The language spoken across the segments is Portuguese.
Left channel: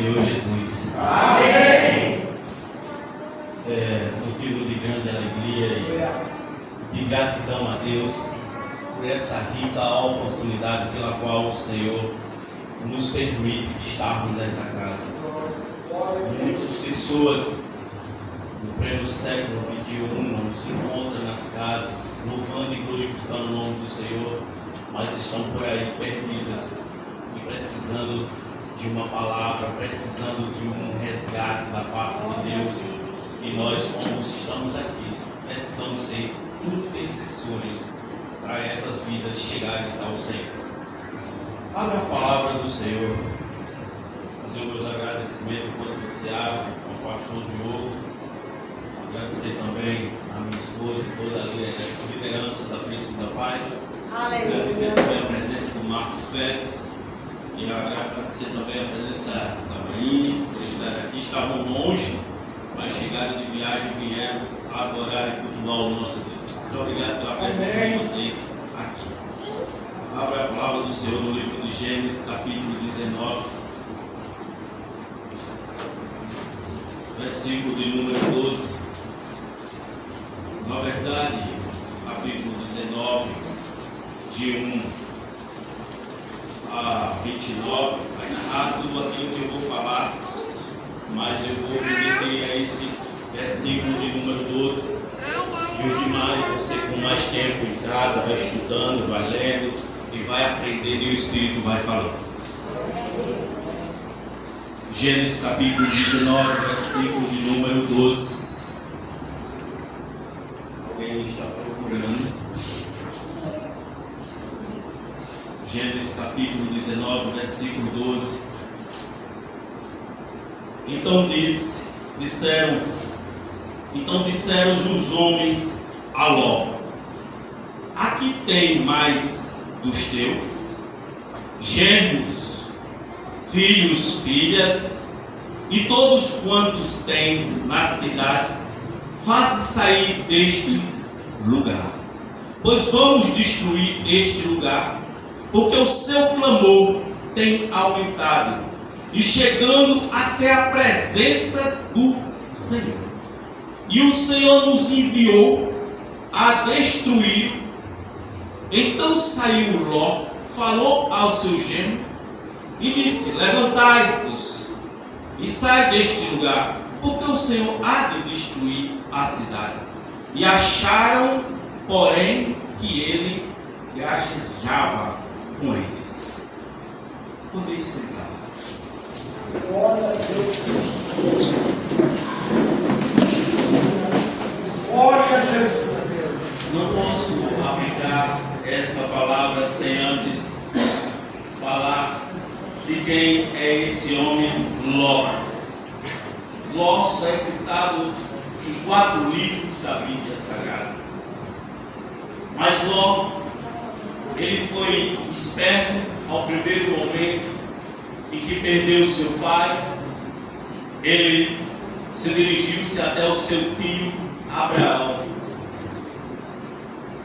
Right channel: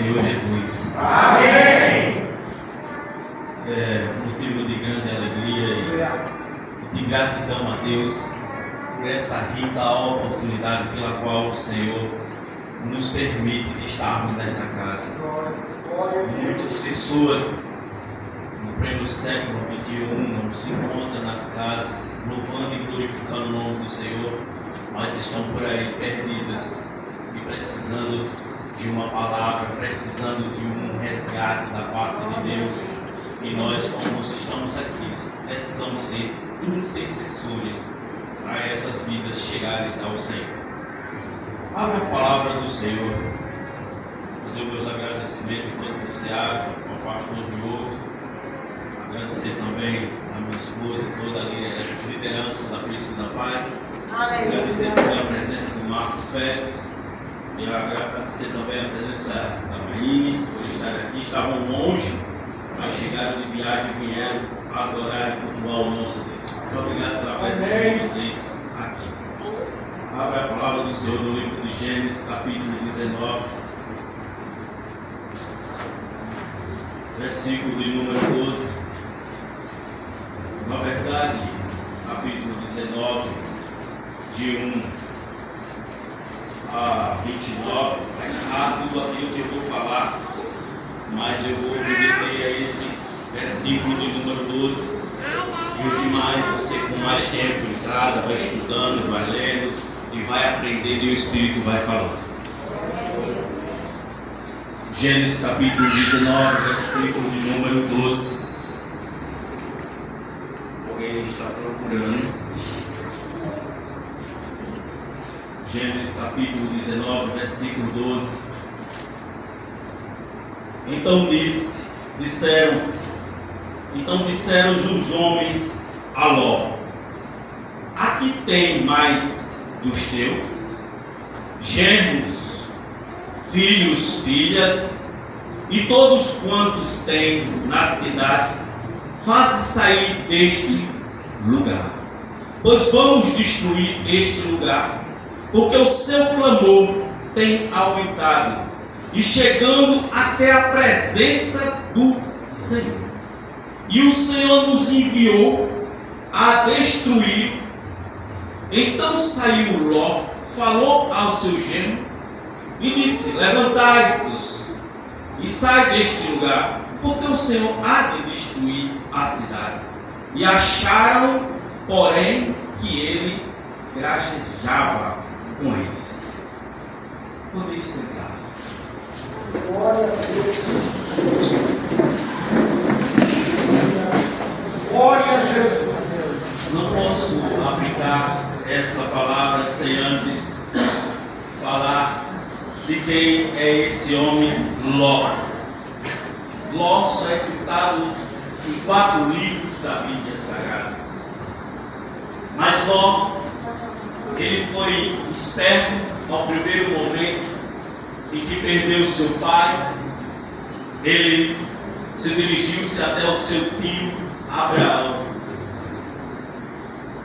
Senhor Jesus. Amém. É motivo de grande alegria e de gratidão a Deus por essa rica oportunidade pela qual o Senhor nos permite de estarmos nessa casa. Muitas pessoas no pleno século XXI não se encontram nas casas louvando e glorificando o nome do Senhor, mas estão por aí perdidas e precisando de uma palavra, precisando de um resgate da parte de Deus. E nós, como estamos aqui, precisamos ser intercessores para essas vidas chegarem ao Senhor. Abra a palavra do Senhor. Fazer os meus agradecimentos enquanto você abre ao pastor Diogo. Agradecer também a minha esposa e toda a liderança da Príncipe da Paz. Agradecer também a presença do Marco Félix. E agradecer também a presença da Maine por estar aqui. Estavam longe, mas chegaram de viagem e vieram adorar e cultuar o nosso Deus. Muito obrigado pela presença de vocês aqui. Abra a palavra do Senhor no livro de Gênesis, capítulo 19, versículo de número 12. Na verdade, capítulo 19, de 1 a 29, há tudo aquilo que eu vou falar, mas eu vou me deter a esse versículo de número 12. E o que mais você, com mais tempo em casa, vai estudando, vai lendo e vai aprendendo, e o Espírito vai falando. Gênesis capítulo 19, versículo de número 12. Alguém está procurando? Gênesis capítulo 19, versículo 12. Então disseram os homens a Ló: aqui tem mais dos teus genros, filhos, filhas, e todos quantos têm na cidade, faze sair deste lugar, pois vamos destruir este lugar, porque o seu clamor tem aumentado, e chegando até a presença do Senhor. E o Senhor nos enviou a destruir. Então saiu Ló, falou ao seu genro e disse: levantai-vos e sai deste lugar, porque o Senhor há de destruir a cidade. E acharam, porém, que ele gracejava com eles. Podeis sentar. Glória a Deus. Glória a Jesus. Não posso aplicar essa palavra sem antes falar de quem é esse homem Ló. Ló só é citado em 4 livros da Bíblia Sagrada. Mas Ló, ele foi esperto ao primeiro momento em que perdeu seu pai. Ele se dirigiu-se até o seu tio Abraão.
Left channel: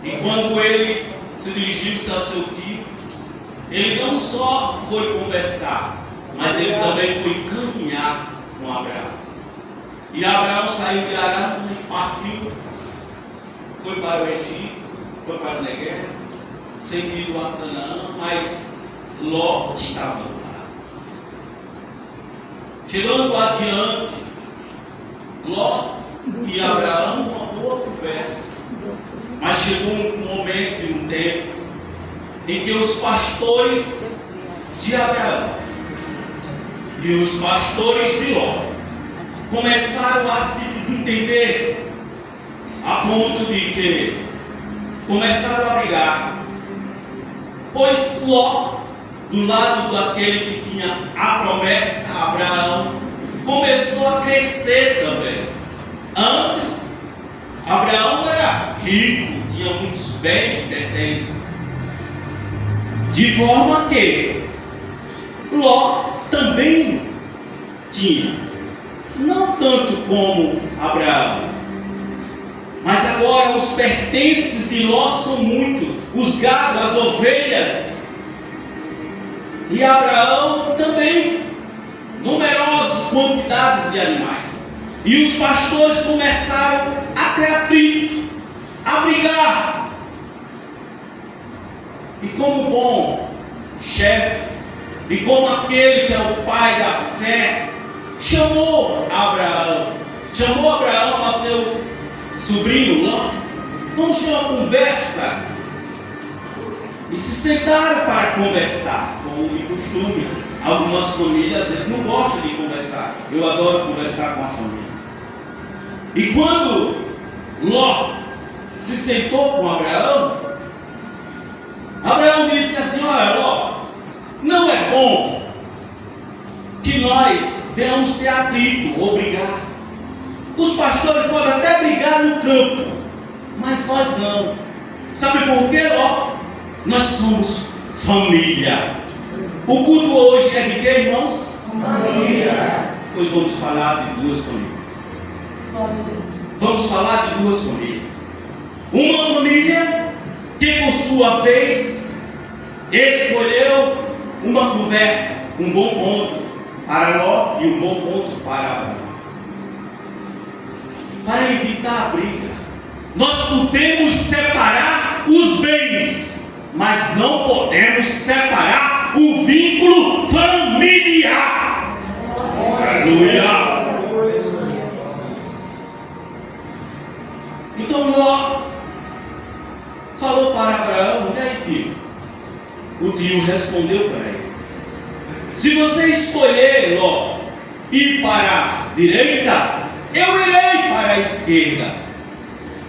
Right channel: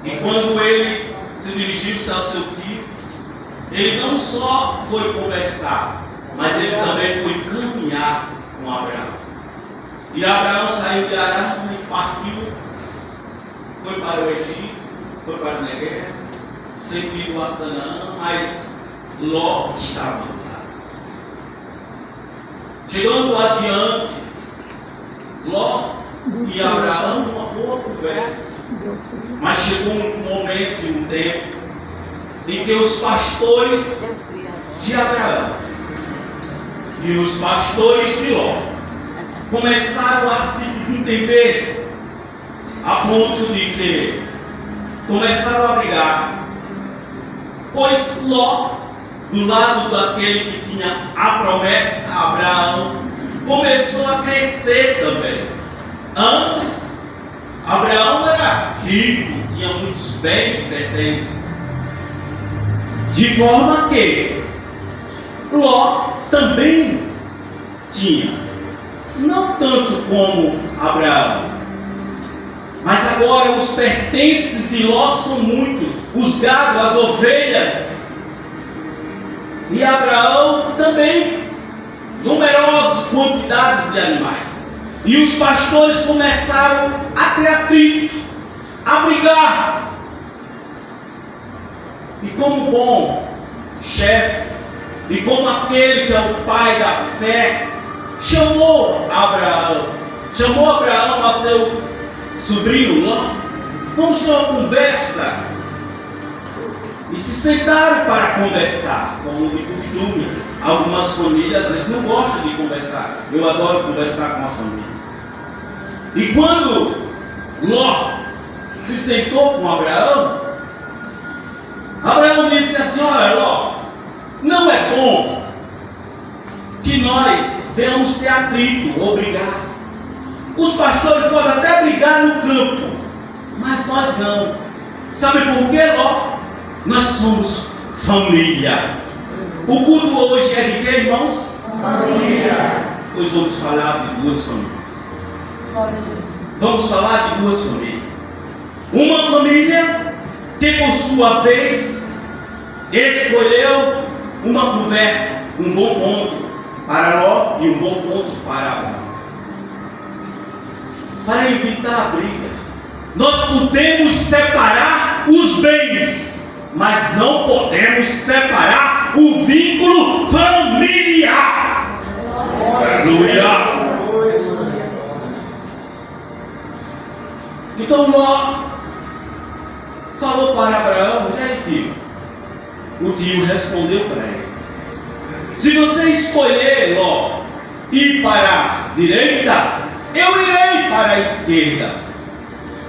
E quando ele se dirigiu-se ao seu tio, ele não só foi conversar, mas ele também foi caminhar com Abraão. E Abraão saiu de Arã e partiu, foi para o Egito, foi para o Negueb, sentido a Canaã, mas Ló estava lá. Chegando adiante, Ló e Abraão, uma boa conversa. Mas chegou um momento e um tempo em que os pastores de Abraão e os pastores de Ló começaram a se desentender, a ponto de que começaram a brigar, pois Ló, do lado daquele que tinha a promessa, Abraão, começou a crescer também. Antes, Abraão era rico, tinha muitos bens pertences, de forma que Ló também tinha, não tanto como Abraão, mas agora os pertences de Ló são muitos, os gados, as ovelhas, e Abraão também, numerosos. enormes quantidades de animais. E os pastores começaram a ter atrito, a brigar. E como bom chefe, e como aquele que é o pai da fé, chamou Abraão ao seu sobrinho Ló. Vamos ter uma conversa. E se sentaram para conversar, como de costume. Algumas famílias às vezes não gostam de conversar. Eu adoro conversar com a família. E quando Ló se sentou com Abraão, Abraão disse assim: olha, Ló, não é bom que nós venhamos ter atrito ou brigar. Os pastores podem até brigar no campo, mas nós não. Sabe por quê, Ló? Nós somos família. O culto hoje é de quê, irmãos? Família. Pois vamos falar de duas famílias. Glória a Jesus. Vamos falar de duas famílias. Uma família que, por sua vez, escolheu uma conversa, um bom ponto para Ló e um bom ponto para Abraão. Para evitar a briga, nós podemos separar os bens, mas não podemos separar o vínculo familiar. Aleluia! Então Ló falou para Abraão: e aí, tio? O tio respondeu para ele: se você escolher, Ló, ir para a direita, eu irei para a esquerda.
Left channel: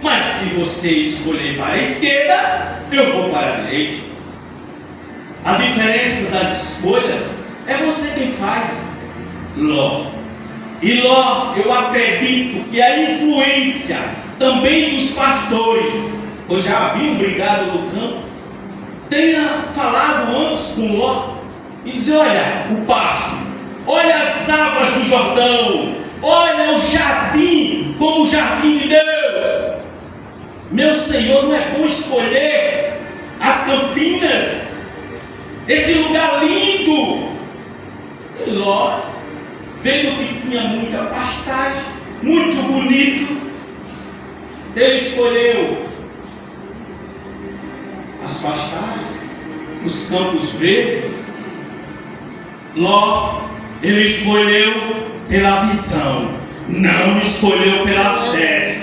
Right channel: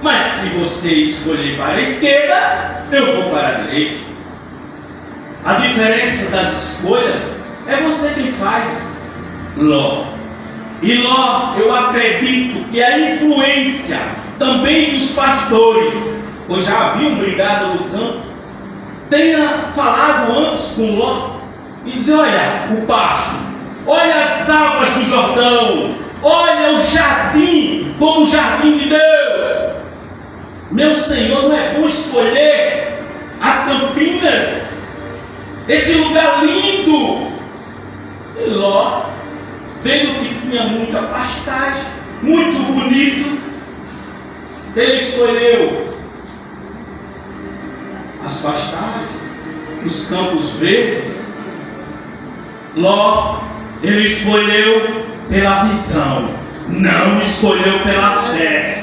Mas se você escolher para a esquerda, eu vou para a direita. A diferença das escolhas é você quem faz, Ló. E Ló, eu acredito que a influência também dos pastores, pois já haviam brigado no campo, tenha falado antes com Ló e dizer: olha o pasto, olha as águas do Jordão, olha o jardim como o jardim de Deus. Meu Senhor, não é bom escolher as campinas, esse lugar lindo? E Ló, vendo que tinha muita pastagem, muito bonito, ele escolheu as pastagens, os campos verdes. Ló, ele escolheu pela visão, não escolheu pela fé.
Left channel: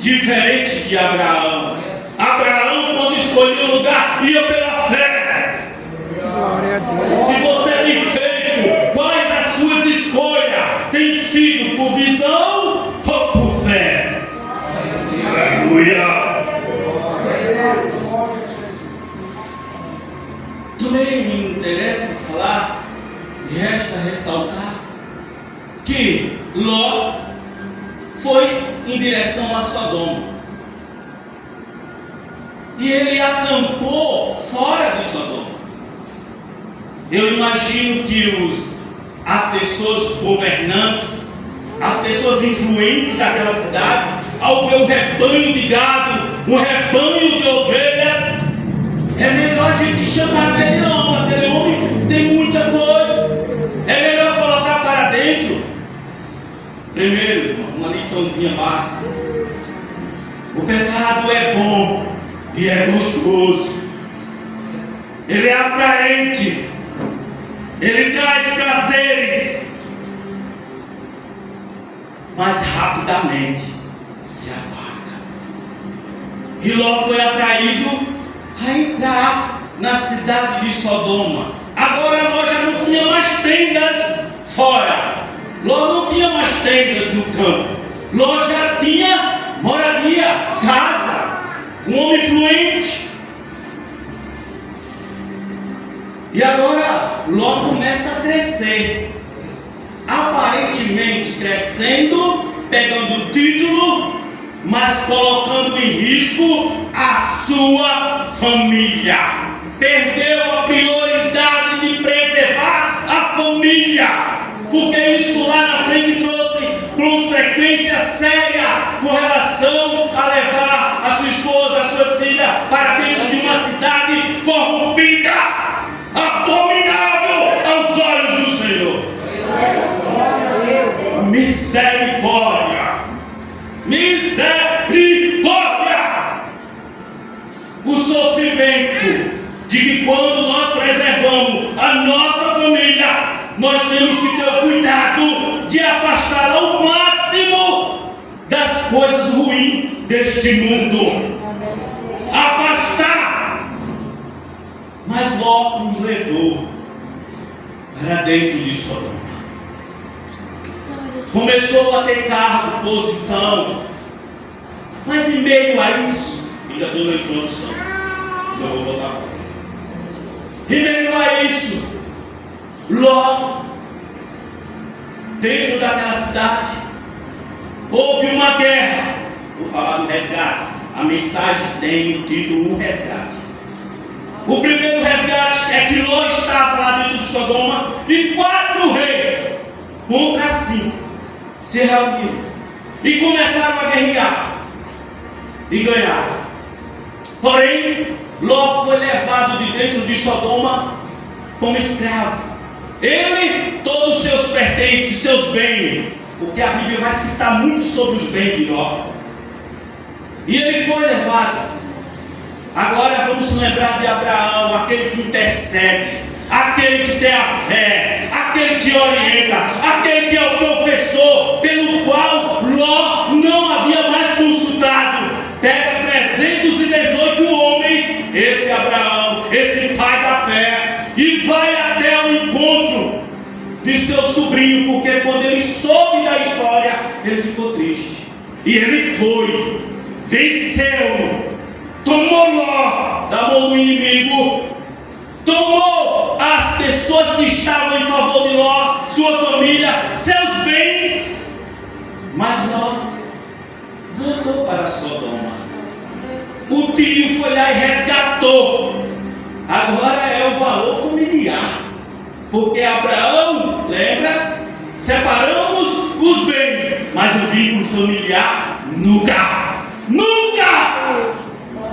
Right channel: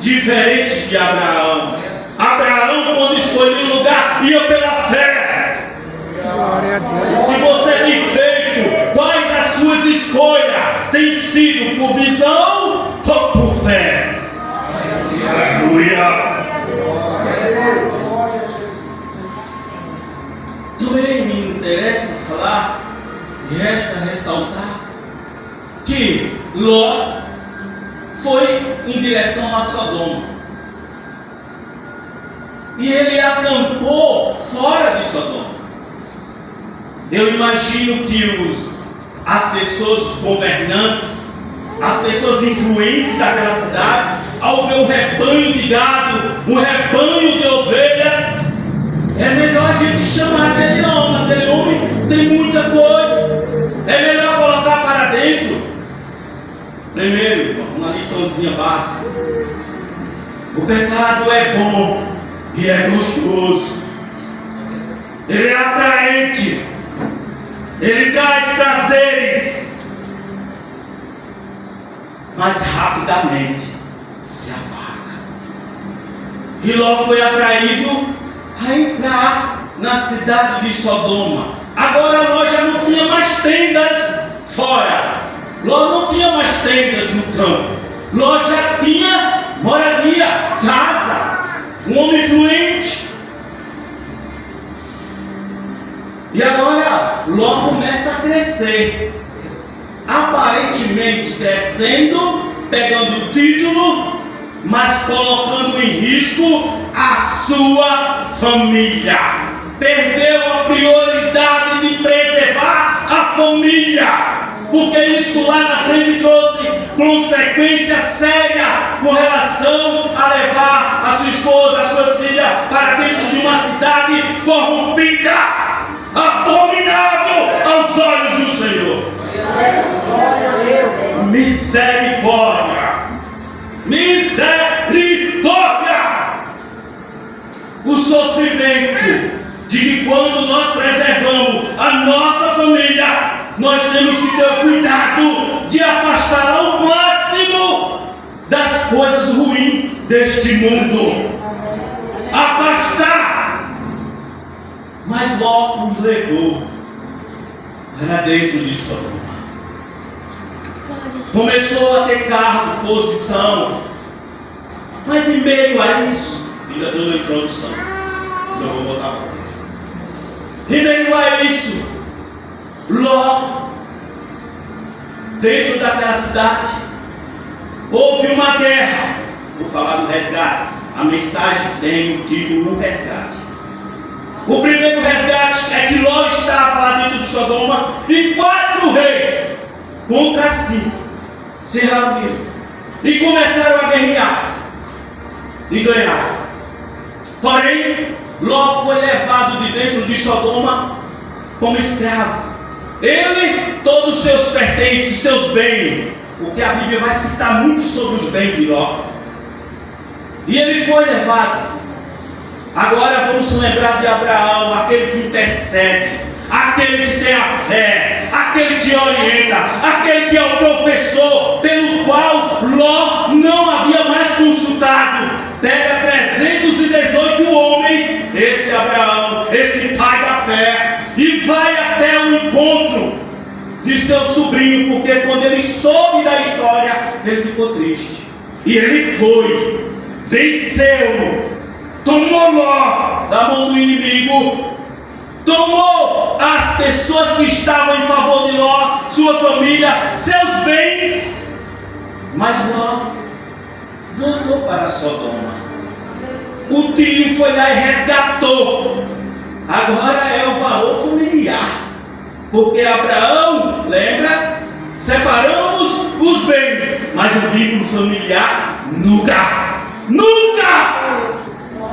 Diferente de Abraão. Abraão, quando escolheu o lugar, ia pela fé. Glória a Deus. O que você tem feito? Quais as suas escolhas? Tem sido por visão ou por fé? Aleluia. Também me interessa falar e resta ressaltar que Ló foi em direção a Sodoma, e ele acampou fora de Sodoma. Eu imagino que as pessoas, os governantes, as pessoas influentes daquela cidade, ao ver o rebanho de gado, o rebanho de ovelhas, é melhor a gente chamar aquele homem tem muita coisa, é melhor colocar para dentro. Primeiro, irmão, uma liçãozinha básica: o pecado é bom e é gostoso, ele é atraente, ele traz prazeres, mas rapidamente se apaga. E Ló foi atraído a entrar na cidade de Sodoma. Agora Ló já não tinha mais tendas fora, Ló não tinha mais tendas no campo, Ló já tinha moradia, casa, um homem fluente. E agora Ló começa a crescer, aparentemente crescendo, pegando título, mas colocando em risco a sua família. Perdeu a prioridade de preservar a família, porque isso lá na frente trouxe consequência séria com relação a levar a sua esposa, as suas filhas para dentro de uma cidade corrompida, abominável aos olhos do Senhor. misericórdia. Misericórdia. O sofrimento de que quando nós preservamos a nossa família, nós temos que ter o cuidado de afastar ao máximo das coisas ruins deste mundo. Afastar. Mas Ló nos levou para dentro de Sodoma. Começou a ter cargo, posição. Mas em meio a isso, ainda estou na introdução, não vou botar a em meio a isso, Ló, dentro daquela cidade, houve uma guerra. Vou falar do resgate. A mensagem tem o título O Resgate. O primeiro resgate é que Ló estava lá dentro de Sodoma e 4 reis contra 5 se reuniram e começaram a guerrear e ganharam. Porém, Ló foi levado de dentro de Sodoma como escravo. Ele, todos os seus pertences, seus bens, porque a Bíblia vai citar muito sobre os bens de Ló. E ele foi levado. Agora vamos lembrar de Abraão, aquele que intercede, aquele que tem a fé, aquele que orienta, aquele que é o professor, pelo qual Ló não havia mais consultado. Pega 318 homens, esse Abraão, esse pai da fé, e vai até o encontro de seu sobrinho, porque quando ele soube da história, ele ficou triste. E ele foi, venceu, tomou Ló da mão do inimigo, tomou as pessoas que estavam em favor de Ló, sua família, seus bens, mas Ló voltou para Sodoma. O tio foi lá e resgatou. Agora é o valor familiar, porque Abraão, lembra? Separamos os bens, mas o vínculo familiar nunca.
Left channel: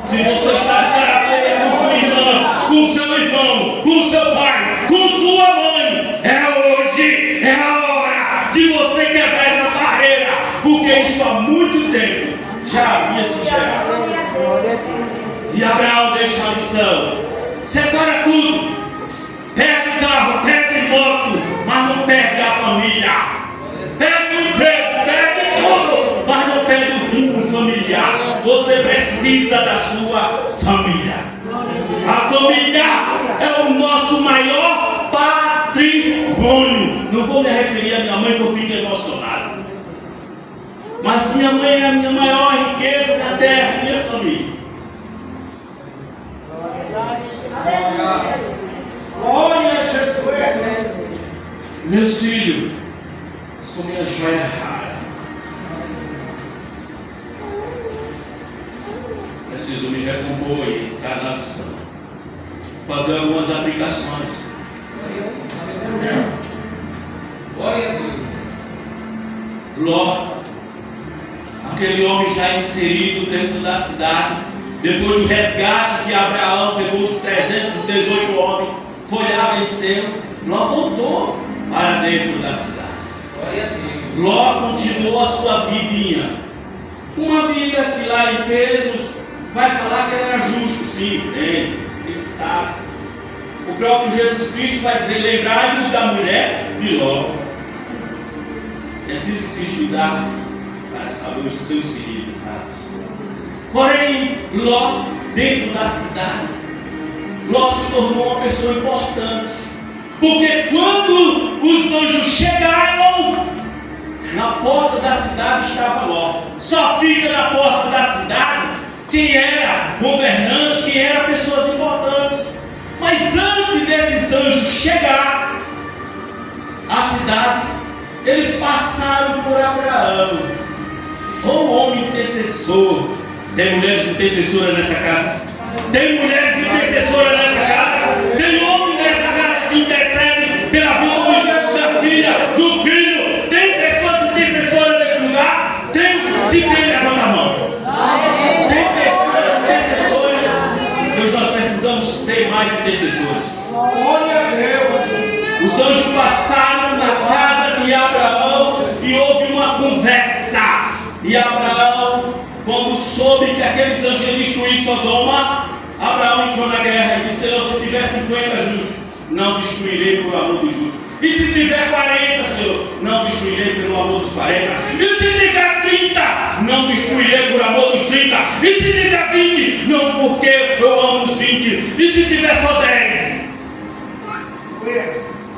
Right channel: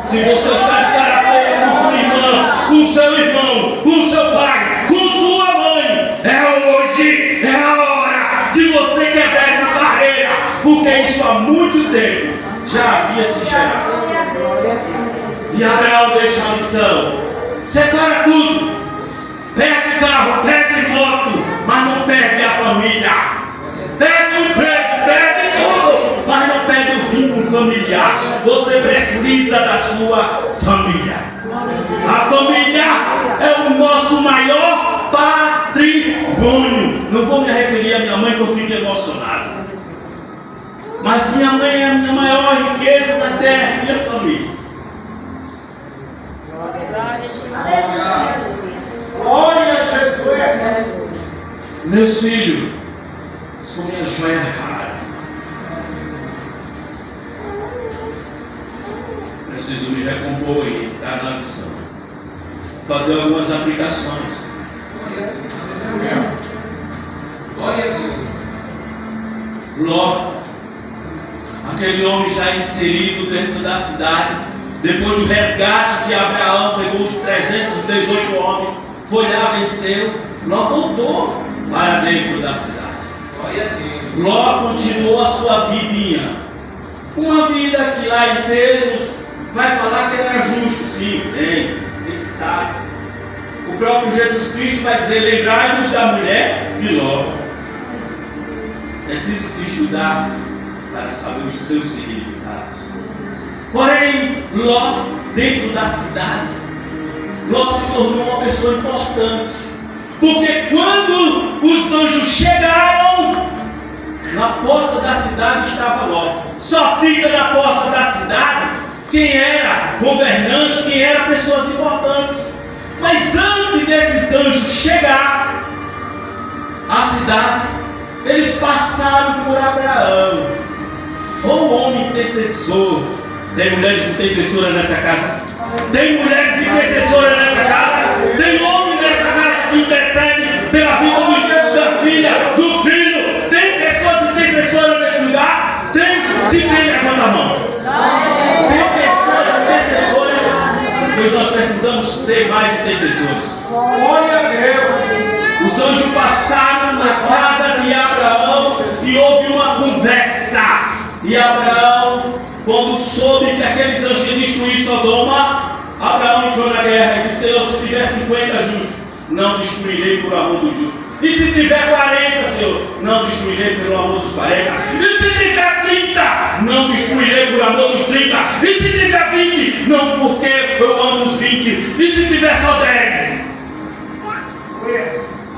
Se você está de cara feia com sua irmã, com seu irmão, com seu pai, com sua mãe, é hoje, é a hora de você quebrar essa barreira, porque isso há muito tempo já havia se gerado. E Abraão deixa a lição: separa tudo, perde carro, perde moto, mas não perde a família, perde o emprego, perde tudo, mas não perde o vínculo familiar. Você precisa da sua família. A família é o nosso maior patrimônio. Não vou me referir à minha mãe, que eu fico emocionado, mas minha mãe é a minha maior riqueza da terra, minha família. Glória a Jesus. Meus filhos, são minha joia rara. Preciso me recompor aí, cada lição. Fazer algumas aplicações. Glória a Deus. Ló, aquele homem já inserido dentro da cidade, depois do resgate que Abraão pegou os 318 homens, foi lá, venceu. Ló voltou para dentro da cidade. Glória a Deus. Ló continuou a sua vidinha. Uma vida que lá em Pedro vai falar que era justo, sim, bem, está. O próprio Jesus Cristo vai dizer: lembrai-vos da mulher de Ló. Precisa se estudar para saber os seus significados. Porém, Ló, dentro da cidade, Ló se tornou uma pessoa importante, porque quando os anjos chegaram, na porta da cidade estava Ló. Só fica na porta da cidade quem era governante, quem era pessoas importantes. Mas antes desses anjos chegar à cidade, eles passaram por Abraão, o homem intercessor. Tem mulheres intercessoras nessa casa? Tem mulheres intercessoras nessa casa? Tem homem nessa casa que intercede pela vida da filha, do filho? Tem pessoas intercessoras nesse lugar? Tem? Se tem, levanta a mão. Tem pessoas intercessoras? Pois nós precisamos ter mais intercessores. Glória a Deus. Os anjos passaram na casa de Abraão e houve E Abraão, quando soube que aqueles anjos iam destruir Sodoma, Abraão entrou na guerra e disse: Senhor, se eu tiver 50 justos, não destruirei por amor dos justos. E se tiver 40, Senhor, não destruirei pelo amor dos 40. E se tiver 30, não destruirei por amor dos 30. E se tiver 20, não, porque eu amo os 20. E se tiver só 10,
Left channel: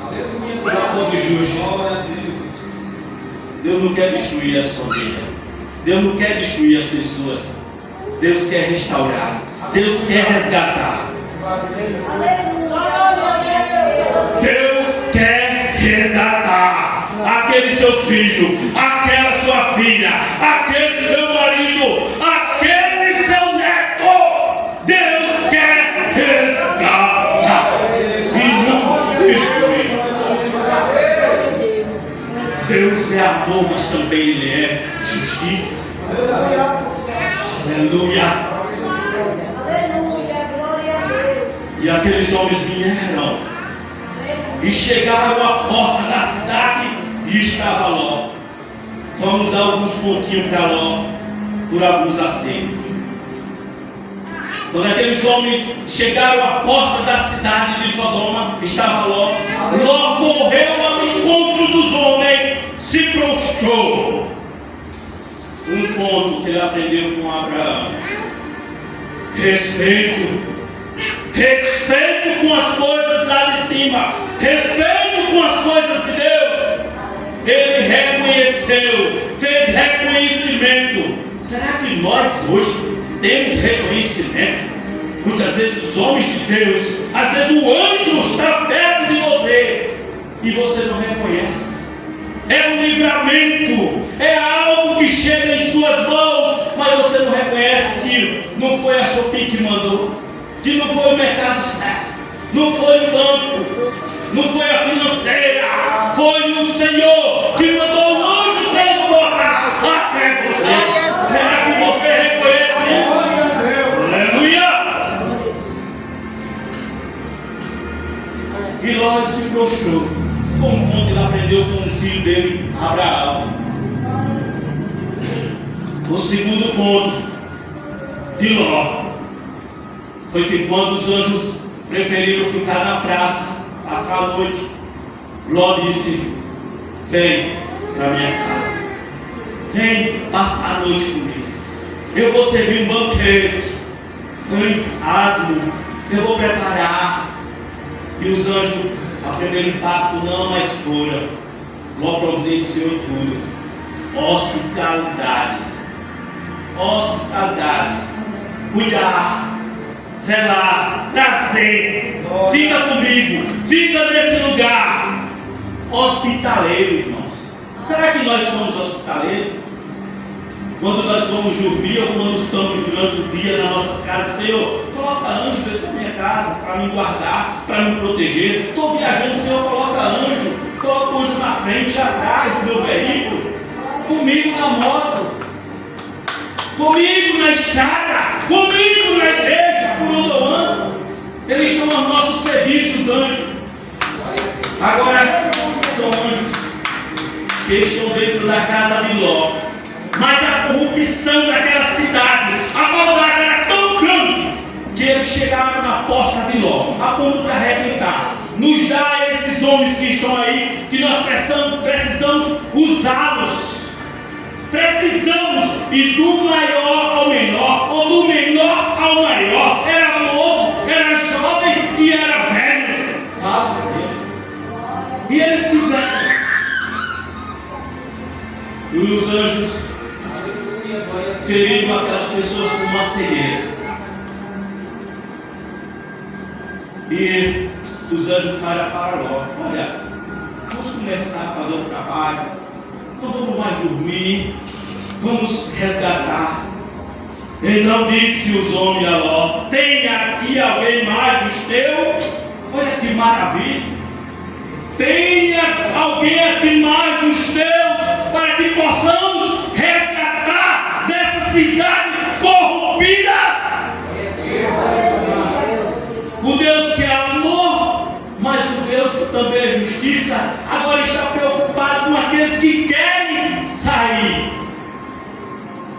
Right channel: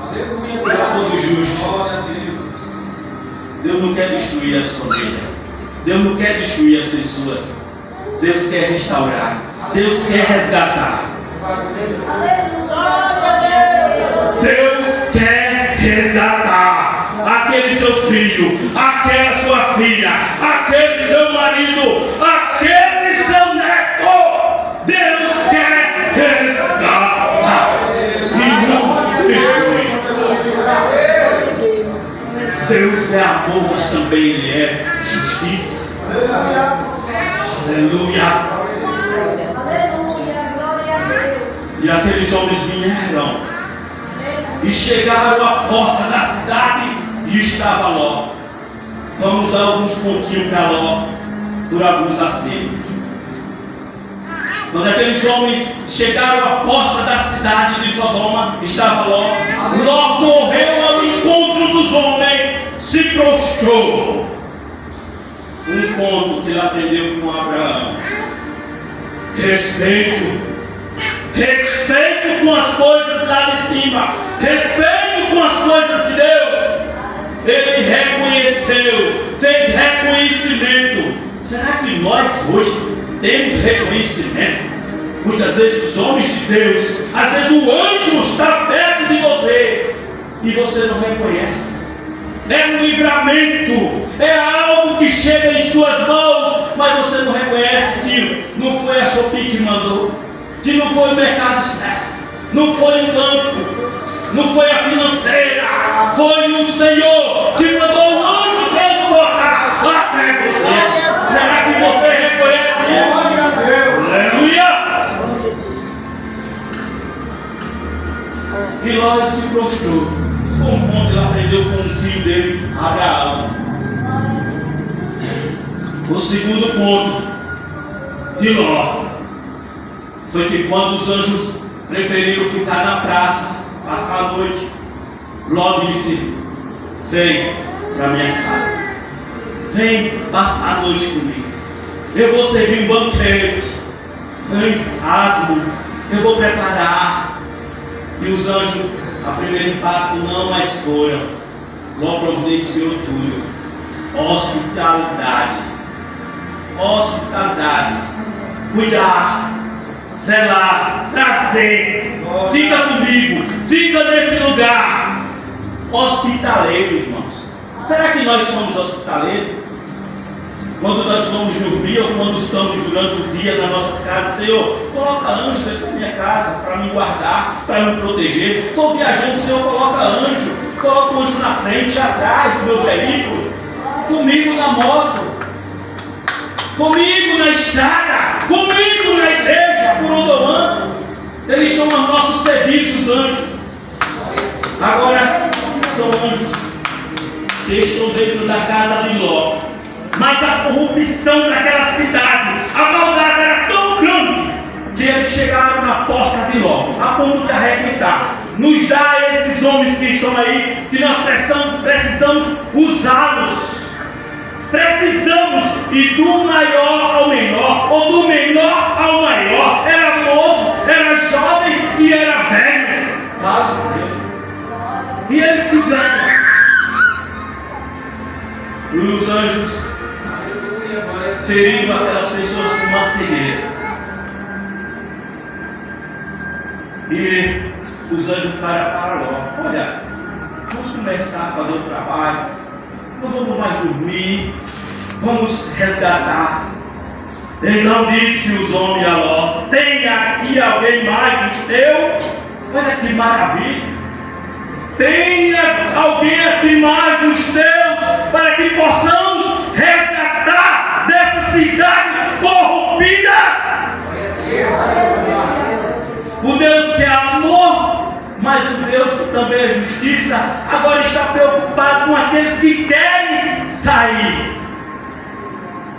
Aleluia. por amor dos justos. Glória a Deus. Deus não quer destruir a sua vida. Deus não quer destruir as pessoas. Deus quer restaurar. Deus quer resgatar. Deus quer resgatar aquele seu filho, aquela sua filha, aquele seu marido, aquele seu neto. Deus quer resgatar e não destruir. Deus é amor, mas também Ele é justiça. Aleluia. E aqueles homens vieram e chegaram à porta da cidade e estava Ló. Vamos dar alguns pontinhos para Ló por alguns acertos. Quando aqueles homens chegaram à porta da cidade de Sodoma, estava Ló. Ló correu ao encontro dos homens, se prostrou. Um ponto que ele aprendeu com Abraão: respeito. Respeito com as coisas lá de cima. Respeito com as coisas de Deus. Ele reconheceu, fez reconhecimento. Será que nós hoje temos reconhecimento? Muitas vezes os homens de Deus, às vezes o anjo está perto de você e você não reconhece. É um livramento, é algo que chega em suas mãos, mas você não reconhece que não foi a Shopee que mandou, que não foi o Mercado Expresso, não foi o banco, não foi a financeira, foi o Senhor que mandou o anjo transportar até você. Será que você reconhece isso? Aleluia! E Ló se prostrou. Isso foi um ponto que ele aprendeu com o filho dele, Abraão. O segundo ponto de Ló foi que quando os anjos preferiram ficar na praça, passar a noite, Ló disse: vem para minha casa, vem passar a noite comigo, eu vou servir um banquete, pães asmos, eu vou preparar. E os anjos, a primeiro impacto, não mais foram. Ló providenciou tudo. Hospitalidade, cuidar, zelar, trazer, fica comigo, fica nesse lugar. Hospitaleiro, irmãos. Será que nós somos hospitaleiros? Quando nós vamos dormir ou quando estamos durante o dia nas nossas casas: Senhor, coloca anjo dentro da minha casa para me guardar, para me proteger. Estou viajando, Senhor, coloca anjo na frente, atrás do meu veículo, comigo na moto, comigo na estrada, comigo na igreja, por onde eu ando. Eles estão aos nossos serviços, anjos. Agora, são anjos que estão dentro da casa de Ló. Mas a corrupção daquela cidade, a maldade era tão grande que eles chegaram na porta de Ló, a ponto de arrebentar. Nos dá esses homens que estão aí, que nós precisamos usá-los. Precisamos ir do maior ao menor, ou do menor ao maior. Era moço, era jovem e era velho. Fala com Deus. E eles fizeram. E os anjos ferindo aquelas pessoas com uma cegueira. E os anjos falaram para Ló: olha, vamos começar a fazer o trabalho, não vamos mais dormir, vamos resgatar. Então disse os homens a Ló: tem aqui alguém mais dos teus? Olha que maravilha! Tem alguém aqui mais dos teus para que possamos resgatar dessa cidade corrompida? O Deus que é amor, mas o Deus que também é justiça, agora está preocupado com aqueles que querem sair.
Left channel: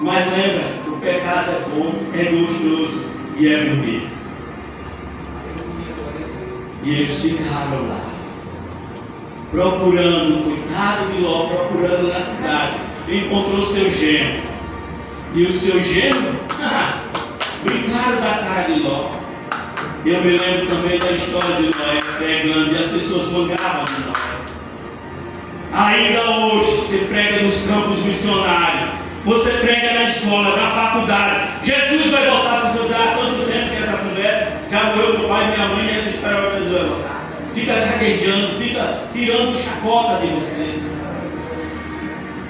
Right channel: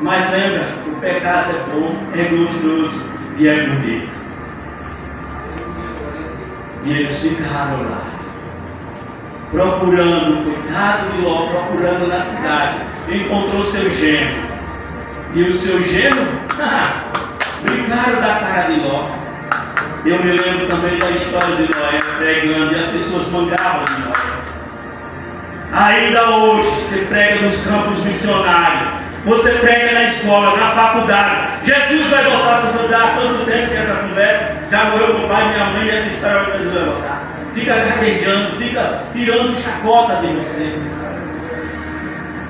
Mas lembra que o pecado é bom, é gostoso e é bonito. E eles ficaram lá, procurando, coitado de Ló, procurando na cidade. Encontrou seu genro. E o seu genro, brincaram da cara de Ló. Eu me lembro também da história de Noé pregando e as pessoas mangavam de Noé. Ainda hoje você prega nos campos missionários, você prega na escola, na faculdade. Jesus vai voltar, as pessoas dizem, há tanto tempo que essa conversa, já morreu meu pai e minha mãe e essa história que Jesus vai voltar. Fica gaguejando, fica tirando chacota de você.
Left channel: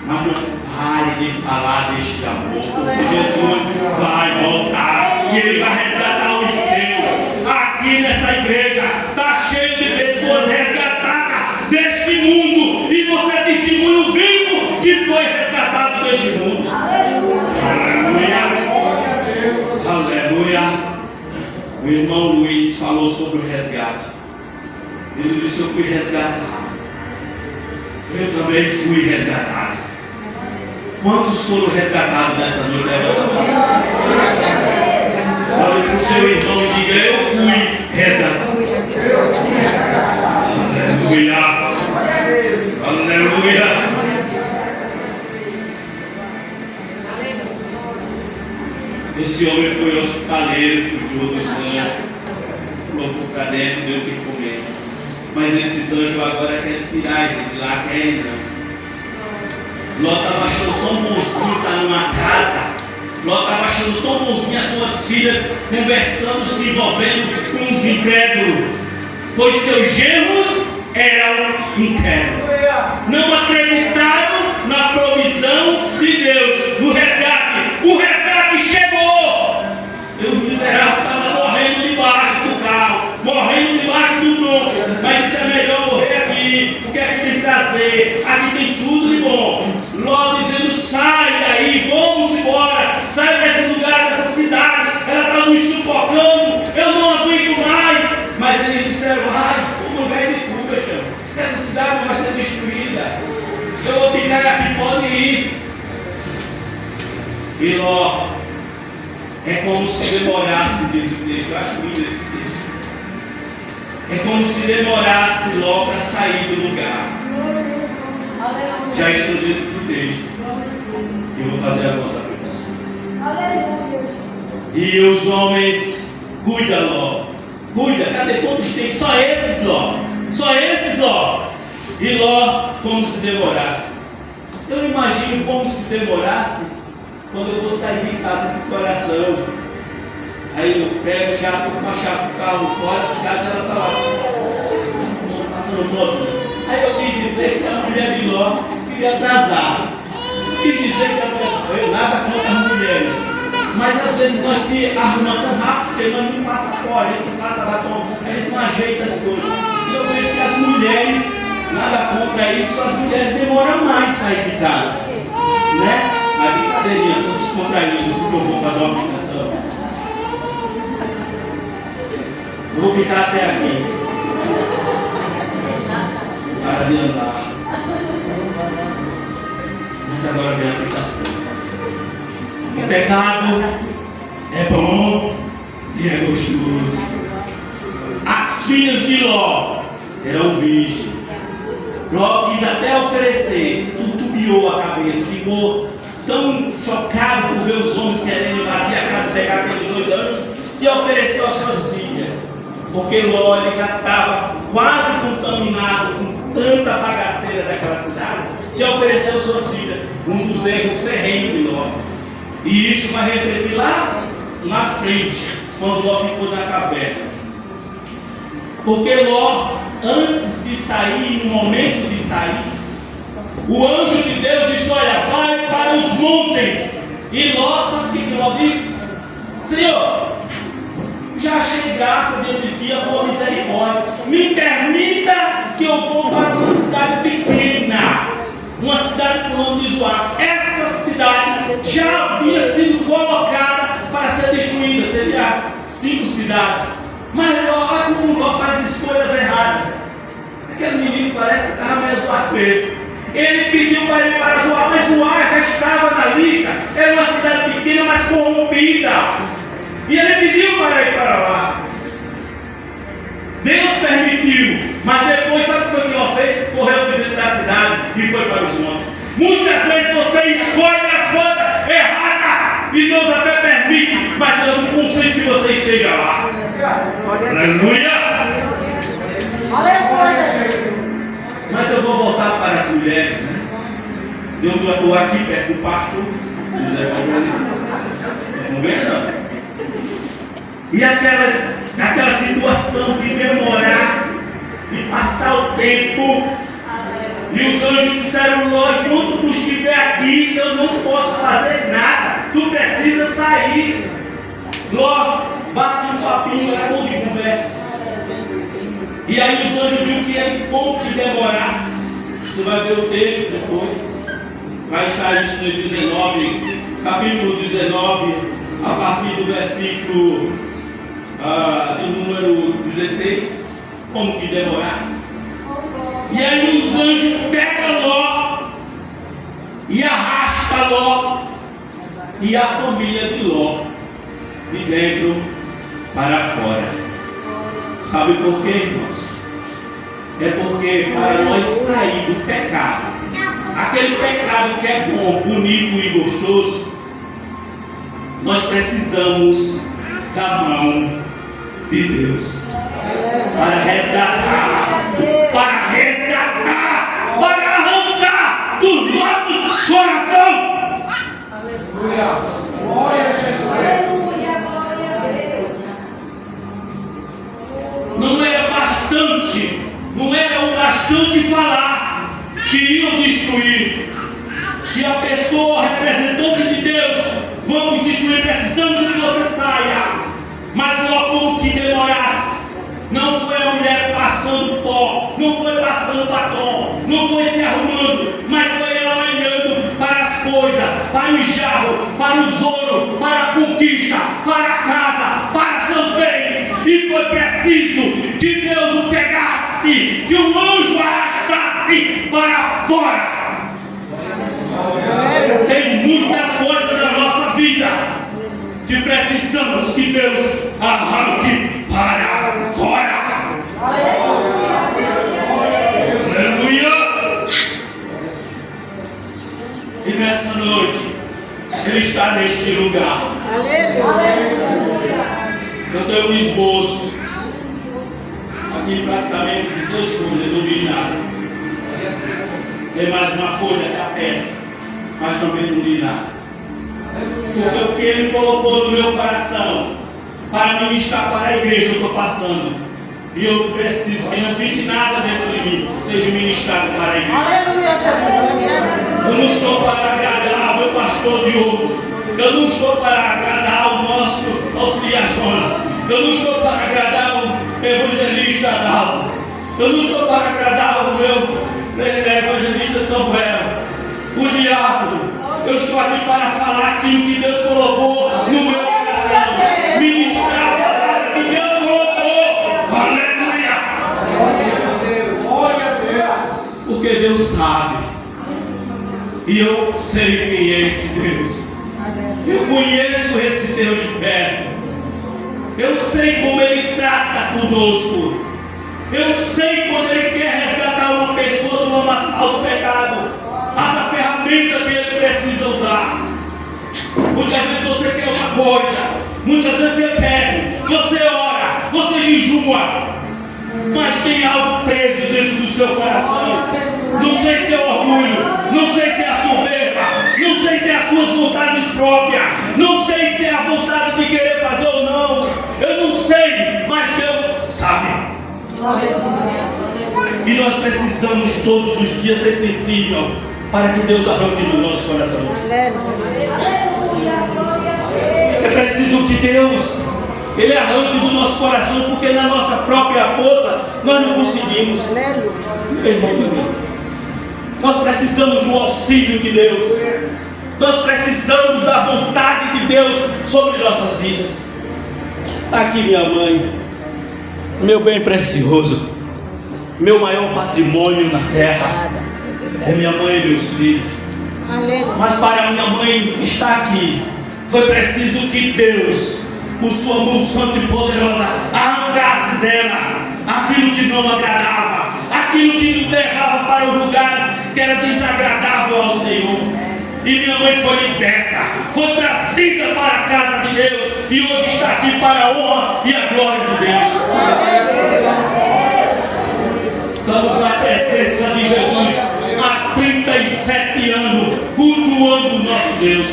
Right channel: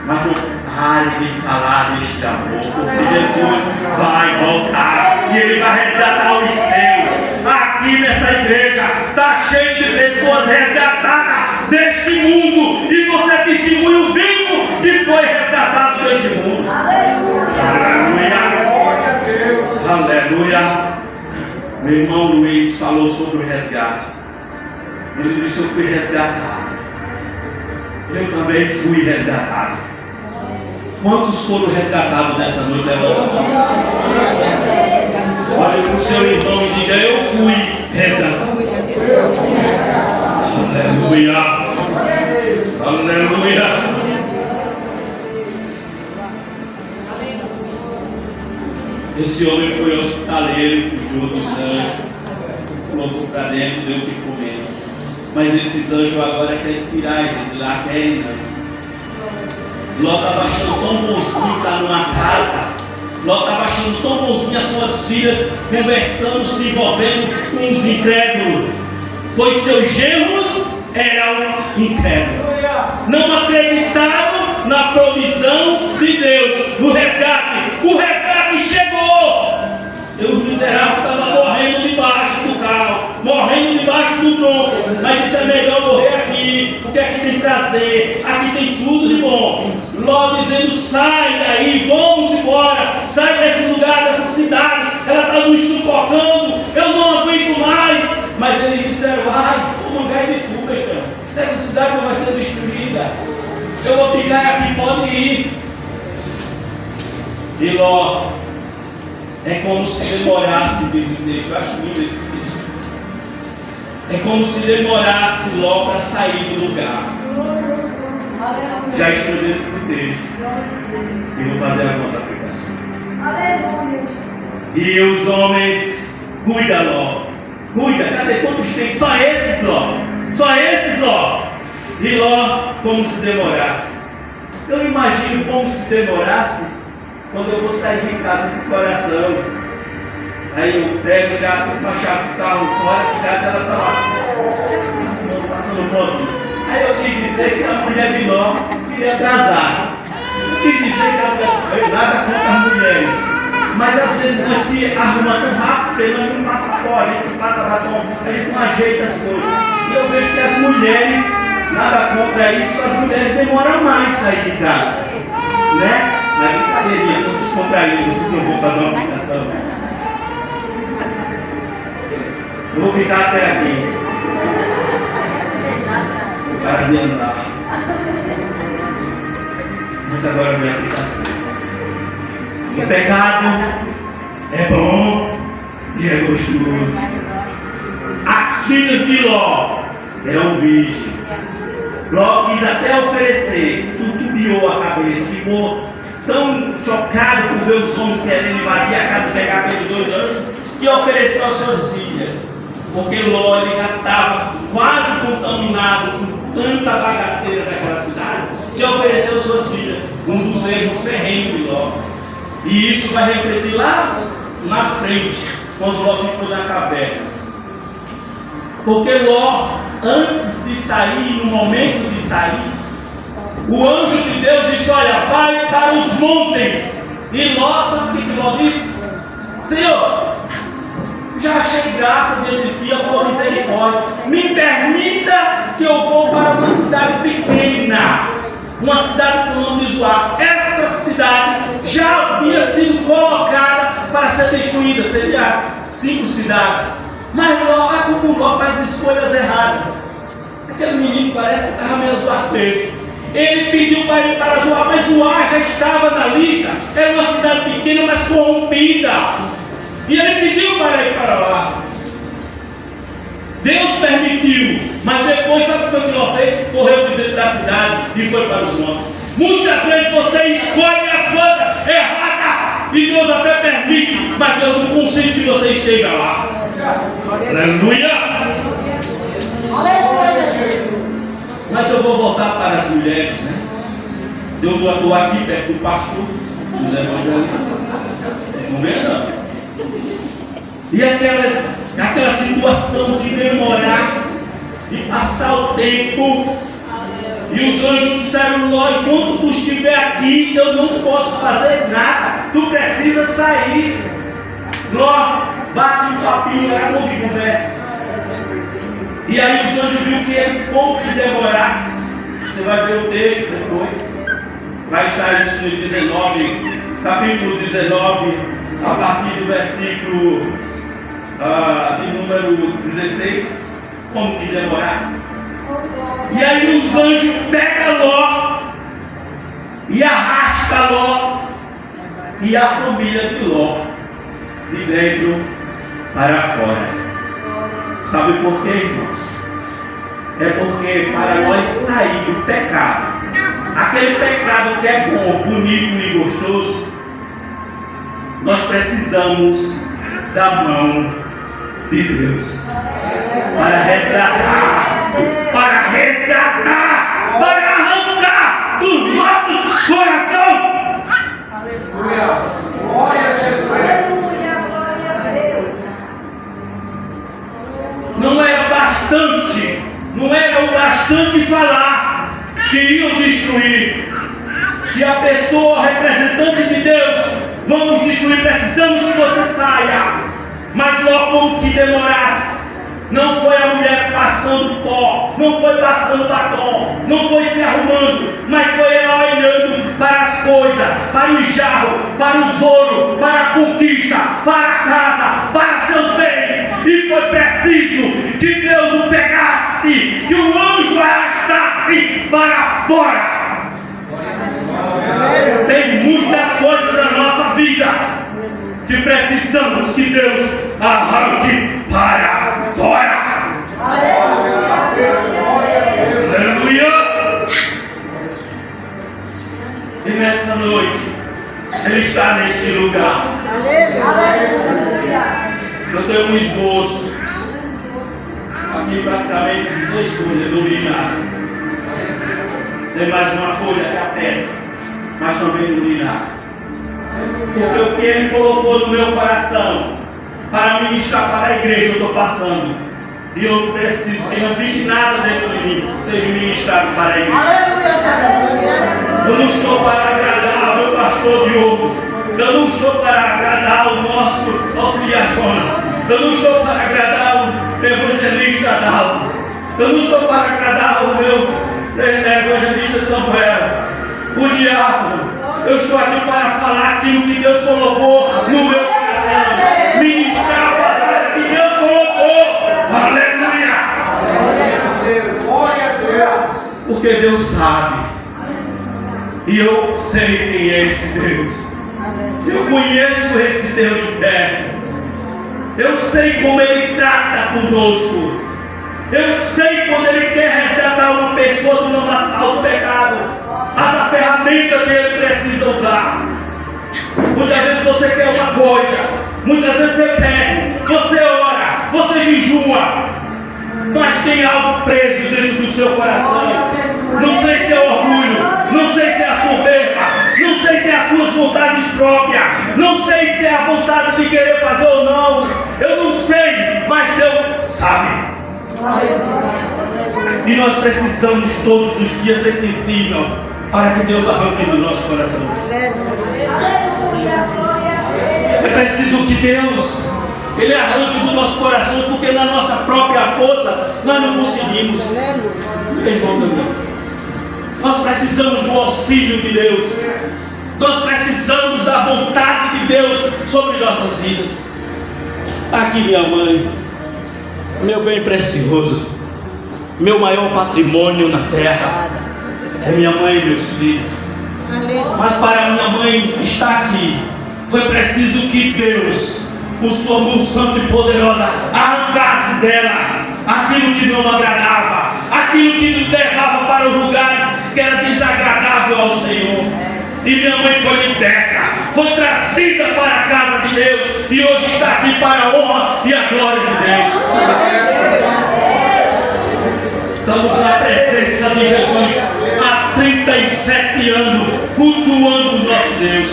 Mas não pare de falar deste amor, porque Jesus vai voltar e Ele vai resgatar os seus. Aqui nessa igreja está cheio de pessoas resgatadas deste mundo, e você é testemunho vivo que foi resgatado deste mundo. Aleluia. Aleluia. O irmão Luiz falou sobre o resgate. Ele disse: eu fui resgatado. Eu também fui resgatado. Quantos foram resgatados nessa noite? Olhe para o seu irmão e diga: eu fui resgatado. Aleluia. Aleluia. Esse homem foi hospitaleiro, cuidou dos anjos, colocou para dentro, deu o que comer. Mas esses anjos agora querem tirar ele de lá, querem não. Ló estava achando tão bonzinho estar numa casa. Ló estava achando tão bonzinho as suas filhas conversando, se envolvendo com os incrédulos, pois seus genros eram incrédulos. Não acreditaram na provisão de Deus, no resgate. O resgate chegou. O miserável estava morrendo debaixo do carro, morrendo debaixo do tronco, mas disse: é melhor morrer aqui, porque aqui tem prazer, aqui tem tudo de bom. Ló dizendo: sai daí, vamos embora, sai desse lugar, dessa cidade, ela está nos sufocando, eu não aguento mais. Mas eles disseram: vai, o mangai de tu, Betão, essa cidade não vai ser destruída, eu vou ficar aqui, pode ir. E Ló, é como se demorasse, diz o texto, eu acho lindo esse texto. É como se demorasse Ló para sair do lugar. Já estou dentro do texto e vou fazer algumas aplicações. E os homens, cuida Ló, cuida, cadê quantos tem? Só esses Ló, só esses Ló. E Ló, como se demorasse. Eu imagino como se demorasse quando eu vou sair de casa com o coração. Aí eu pego já com a chave do carro fora, de casa ela está lá assim, passando pozinho. Aí eu quis dizer que a mulher de Ló queria atrasar. Quis dizer que eu nada contra as mulheres. Mas às vezes nós se arrumamos tão rápido, porque nós não passa pó, a gente não passa batom, a gente não ajeita as coisas. E eu vejo que as mulheres, nada contra isso, as mulheres demoram mais a sair de casa. Né? Na brincadeirinha, estou descontraído, porque eu vou fazer uma aplicação. Eu vou ficar até aqui. Para de andar. Mas agora vem a aplicação. O pecado é bom e é gostoso. As filhas de Ló eram virgens. Ló quis até oferecer, turbiou a cabeça, ficou tão chocado por ver os homens querendo invadir a casa e pegar aqueles 2 anos, que ofereceu às suas filhas. Porque Ló ele já estava quase contaminado com tanta bagaceira daquela cidade, que ofereceu às suas filhas, um dos erros ferrenhos de Ló. E isso vai refletir lá na frente, quando Ló ficou na caverna. Porque Ló, antes de sair, no momento de sair, o anjo de Deus disse: olha, vai para os montes. E Ló, sabe o que Ló disse? Senhor, já achei graça diante de ti, a tua misericórdia. Me permita que eu vou para uma cidade pequena, uma cidade com o nome de Zoar. Essa cidade já havia sido colocada para ser destruída, seria 5 cidades. Mas Ló, como Ló faz escolhas erradas. Aquele menino parece que estava meio zoar texto. Ele pediu para ir para Zoar, mas Zoar já estava na lista. Era uma cidade pequena, mas corrompida. E ele pediu para ir para lá. Deus permitiu, mas depois sabe o que foi que Ló fez? Correu de dentro da cidade e foi para os montes. Muitas vezes você escolhe as coisas erradas e Deus até permite, mas Deus não consente que você esteja lá. Aleluia! Aleluia, Jesus. Mas eu vou voltar para as mulheres, né? Eu estou aqui perto do pastor, dos evangelistas. Não vê, não? E aquela situação de demorar, de passar o tempo. E os anjos disseram: Ló, enquanto tu estiver aqui, eu não posso fazer nada. Tu precisa sair. Ló, bate um papinho, ouve conversa. E aí os anjos viram que ele pouco que demorasse. Você vai ver o texto depois. Vai estar isso no 19, capítulo 19, a partir do versículo de número 16. Como que demorasse. E aí os anjos pegam Ló e arrastam Ló e a família de Ló de dentro para fora. Sabe por quê, irmãos? É porque para nós sair do pecado, aquele pecado que é bom, bonito e gostoso, nós precisamos da mão de Deus para resgatar, para arrancar dos nossos corações. Aleluia. Glória a Jesus. Não era bastante, não era o bastante falar que iam destruir, que a pessoa representante de Deus, vamos destruir, precisamos que você saia. Mas logo como que demorasse, não foi a mulher passando pó, não foi passando batom, não foi se arrumando, mas foi ela olhando para as coisas, para o jarro, para os ouro, para a conquista, para a casa, para seus bens. E foi preciso que Deus o pegasse, que o anjo arrastasse para fora. Tem muitas coisas na nossa vida que precisamos que Deus arranque para fora. Aleluia! E nessa noite, Ele está neste lugar. Eu tenho um esboço aqui praticamente de 2 folhas, não li nada. Tem mais uma folha que a peça, mas também não li nada. Porque o que Ele colocou no meu coração para ministrar para a igreja, eu estou passando. E eu preciso que não fique nada dentro de mim, seja ministrado para a igreja. Aleluia, Jesus. Eu não estou para agradar ao meu pastor Diogo. Eu não estou para agradar o nosso auxiliar Jonas. Eu não estou para agradar o evangelista Adalto. Eu não estou para agradar o meu evangelista Samuel, o diácono. Eu estou aqui para falar aquilo que Deus colocou no meu coração. Ministrar a palavra que Deus colocou. Aleluia! Glória a Deus. Porque Deus sabe. E eu sei quem é esse Deus. Eu conheço esse Deus de perto. Eu sei como Ele trata conosco. Eu sei quando Ele quer resgatar uma pessoa do lamaçal do pecado. Mas a ferramenta que Ele precisa usar. Muitas vezes você quer uma coisa, muitas vezes você pede, você ora, você jejua, mas tem algo preso dentro do seu coração. Não sei se é orgulho, não sei se é a soberba, não sei se é as suas vontades próprias, não sei se é a vontade de querer fazer ou não. Eu não sei, mas Deus sabe. E nós precisamos todos os dias ser sensíveis para que Deus arranque do nosso coração. É preciso que Deus Ele arranque do nosso coração, porque na nossa própria força nós não conseguimos. Meu irmão, meu irmão, nós precisamos do auxílio de Deus. Nós precisamos da vontade de Deus sobre nossas vidas. Aqui minha mãe, meu bem precioso, meu maior patrimônio na terra é minha mãe e meus filhos. Mas para minha mãe estar aqui, foi preciso que Deus, com sua mão santa e poderosa, arrancasse dela aquilo que não agradava, aquilo que lhe levava para os lugares que era desagradável ao Senhor. E minha mãe foi liberta, foi trazida para a casa de Deus, e hoje está aqui para a honra e a glória de Deus. Estamos na presença de Jesus há 37 anos, cultuando o nosso Deus.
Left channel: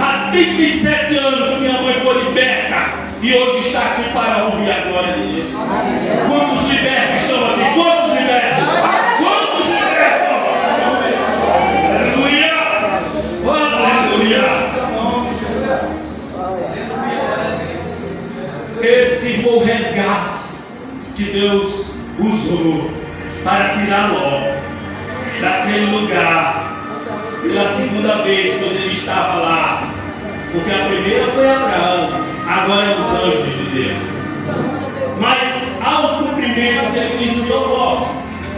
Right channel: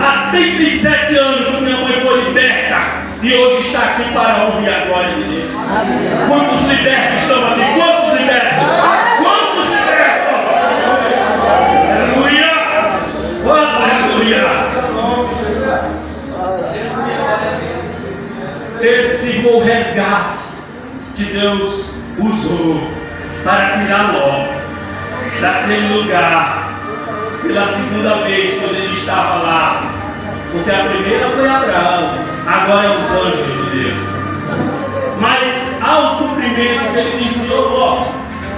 Há 37 anos que minha mãe foi liberta, e hoje está aqui para a honra e a glória de Deus. Quantos libertos estão aqui? Quantos libertos? Quantos libertos? Aleluia! Aleluia! Esse foi o resgate que Deus usou para tirar Ló daquele lugar pela segunda vez, pois ele estava lá. Porque a primeira foi Abraão, agora é os anjos de Deus. Mas ao cumprimento ele disse: ô Ló,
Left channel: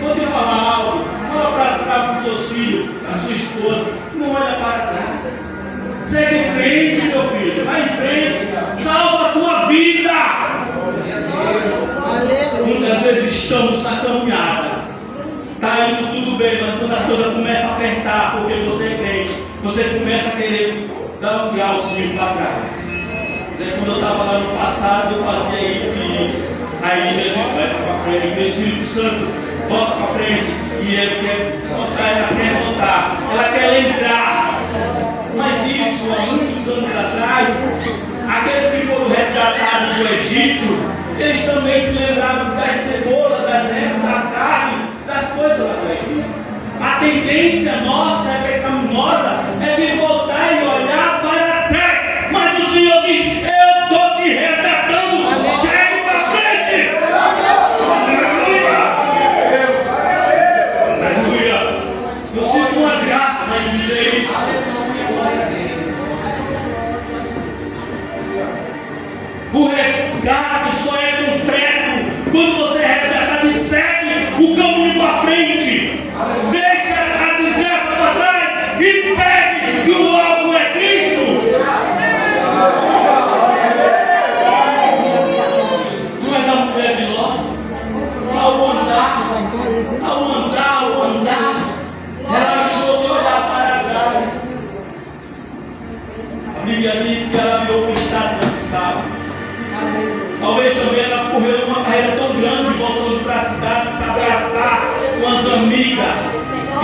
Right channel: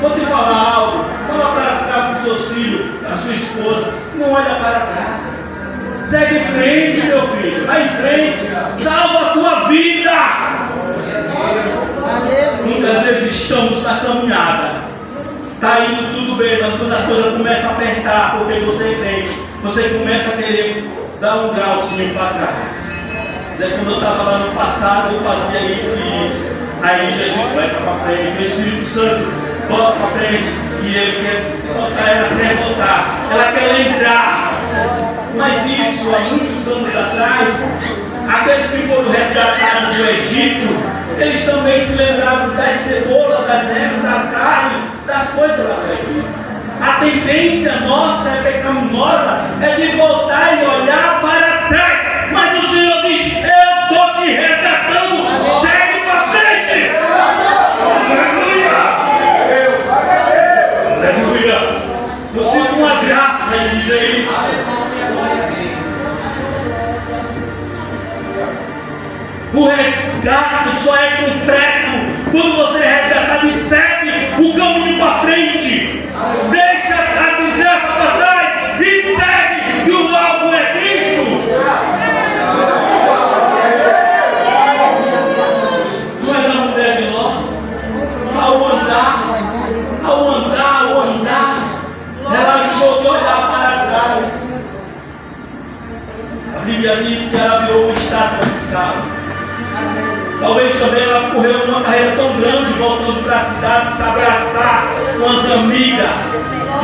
vou te falar algo, fala para os seus filhos, a sua esposa, não olha para trás, segue em frente, meu filho, vai em frente, salva a tua vida. Muitas vezes estamos na caminhada, está indo tudo bem, mas quando as coisas começam a apertar, porque você é crente, você começa a querer dar um grauzinho para trás. Quando eu estava lá no passado, eu fazia isso e isso. Aí Jesus vai para frente, o Espírito Santo volta para frente, e ele quer voltar, ela quer voltar, ela quer lembrar. Mas isso há muitos anos atrás, aqueles que foram resgatados do Egito, eles também se lembraram das cebolas, das ervas, das carnes, das coisas lá do Egito. A tendência nossa é pecaminosa, é de voltar e olhar para trás. Mas o Senhor diz: eu estou te resgatando, segue para frente. Aleluia! Aleluia! Eu sinto uma graça em dizer isso. O resgate só é completo quando você é resgatado e segue o caminho para frente. Deixa a desgraça para trás e segue, que o alvo é Cristo. Mas a mulher de Ló, ao andar, ela jogou olhar para trás. A Bíblia diz que ela virou uma estátua de sal. Talvez também ela correu uma carreira tão grande, voltando para a cidade, se abraçar com as amigas,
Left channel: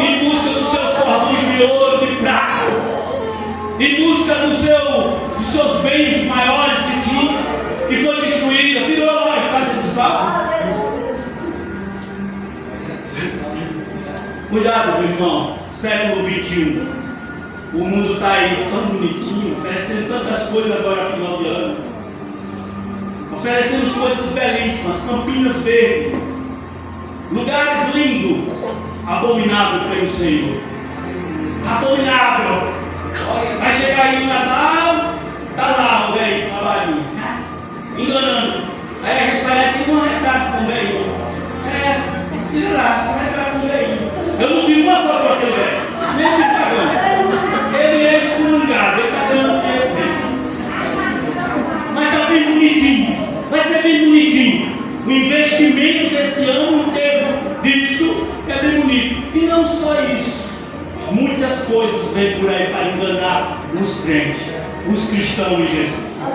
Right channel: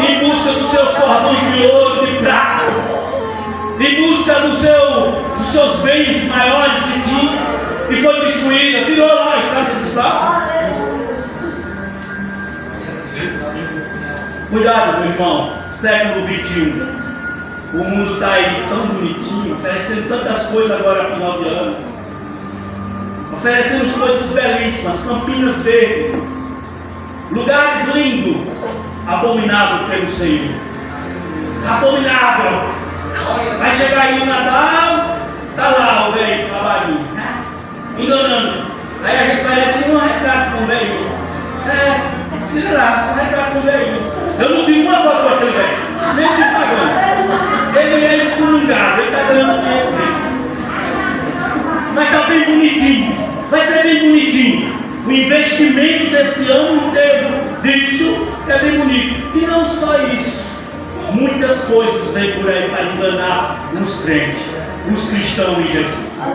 em busca dos seus cordões de ouro, de prata, em busca dos seus bens maiores que tinha, e foi destruída, virou lá a estátua de sal. Cuidado, meu irmão, século 21, o mundo está aí tão bonitinho, oferecendo tantas coisas agora, final de ano. Oferecemos coisas belíssimas, campinas verdes, lugares lindos, abominável pelo Senhor. Abominável. Vai chegar aí o Natal, tá lá o velho trabalhinho, enganando. Aí a gente vai aqui um retrato com o velho. Tira lá, um retrato com o velho. Eu não tenho uma foto com aquele velho, nem me pagando. Ele é esculungado, ele está ganhando dinheiro dele. Mas está bem bonitinho. Vai ser bem bonitinho. O investimento desse ano inteiro disso é bem bonito. E não só isso, muitas coisas vêm por aí para enganar os crentes, os cristãos em Jesus.